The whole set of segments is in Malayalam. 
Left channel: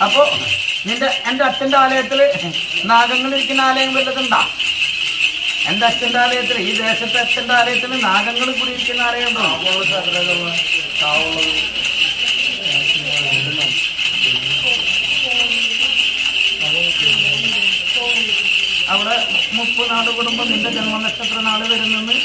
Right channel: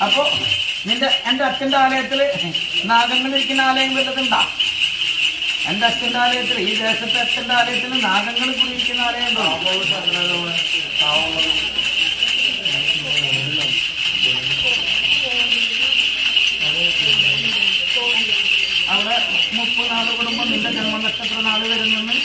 അപ്പോ നിന്റെ അച്ഛന്റെ ആലയത്തിൽ നാഗങ്ങളിരിക്കുന്ന ആലയം വല്ലതുണ്ടാ എന്റെ അച്ഛന്റെ ആലയത്തിൽ ഈ ദേശത്തെ അച്ഛന്റെ ആലയത്തിൽ നാഗങ്ങൾ കൂടിയിരിക്കുന്ന ആലയം ഉണ്ടോ? അവിടെ മുപ്പത് നാട് കുടുംബം നിന്റെ ജന്മനക്ഷത്ര നാട് വരുന്നെന്ന്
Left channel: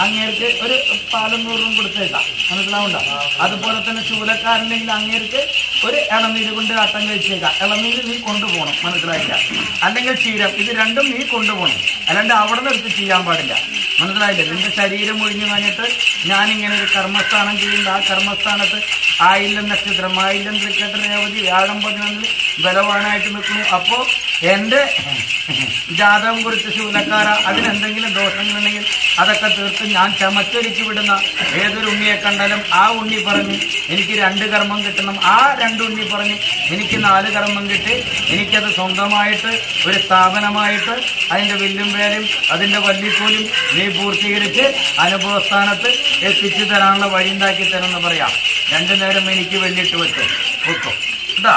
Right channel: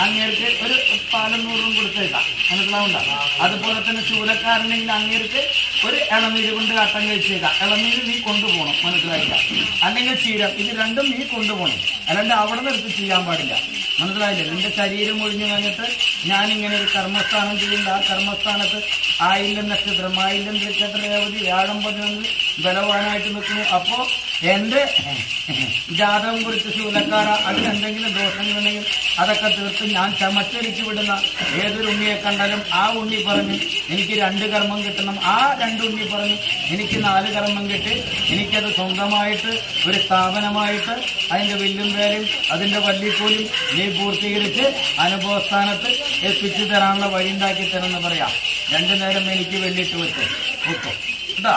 അങ്ങേർക്ക് ഒരു പാലും നൂറും കൊടുത്തേക്കാം മനസ്സിലാവണ്ട അതുപോലെ തന്നെ ശൂലക്കാരനെങ്കിൽ അങ്ങേർക്ക് ഒരു ഇളനീര് കൊണ്ട് കട്ടം കഴിച്ചേക്കാം ഇളനീര് നീ കൊണ്ടുപോകണം. മനസ്സിലായില്ല? അല്ലെങ്കിൽ ക്ഷീരം ഇത് രണ്ടും നീ കൊണ്ടുപോകണം. അല്ലാണ്ട് അവിടെ നിർത്തി ചെയ്യാൻ പാടില്ല. മനസ്സിലായില്ലേ? നിന്റെ ശരീരം ഒഴിഞ്ഞു കഴിഞ്ഞിട്ട് ഞാനിങ്ങനെ ഒരു കർമ്മസ്ഥാനം ചെയ്യുന്നുണ്ട്. ആ കർമ്മസ്ഥാനത്ത് ആയില്യം നക്ഷത്രം ആയില്യം തൃക്കട്ട രേവതി വ്യാഴം പതിനൊന്നിൽ ബലവാനായിട്ട് നിൽക്കുന്നു. അപ്പോൾ എന്റെ ജാതകം കുറിച്ച് ശൂലക്കാര അതിനെന്തെങ്കിലും ദോഷങ്ങളുണ്ടെങ്കിൽ അതൊക്കെ തീർത്ത് ഞാൻ ചമച്ചൊരുക്കി വിടുന്ന ഏതൊരു ഉണ്ണിയെ കണ്ടാലും ആ ഉണ്ണി പറഞ്ഞ് എനിക്ക് രണ്ട് കർമ്മം കിട്ടണം. ആ രണ്ട് ഉണ്ണി പറഞ്ഞ് എനിക്ക് നാല് കർമ്മം കിട്ടി. എനിക്കത് സ്വന്തമായിട്ട് ഒരു സ്ഥാപനമായിട്ട് അതിന്റെ വില്ലും വേലയും അതിന്റെ വല്ലിപ്പോലും നീ പൂർത്തീകരിച്ച് അനുഭവസ്ഥാനത്ത് എത്തിച്ചു തരാനുള്ള വഴി ഉണ്ടാക്കി തരുമെന്ന് പറയാം. രണ്ടു നേരം എനിക്ക് വെല്ലിട്ട് വെച്ച് വെക്കും. കേട്ടാ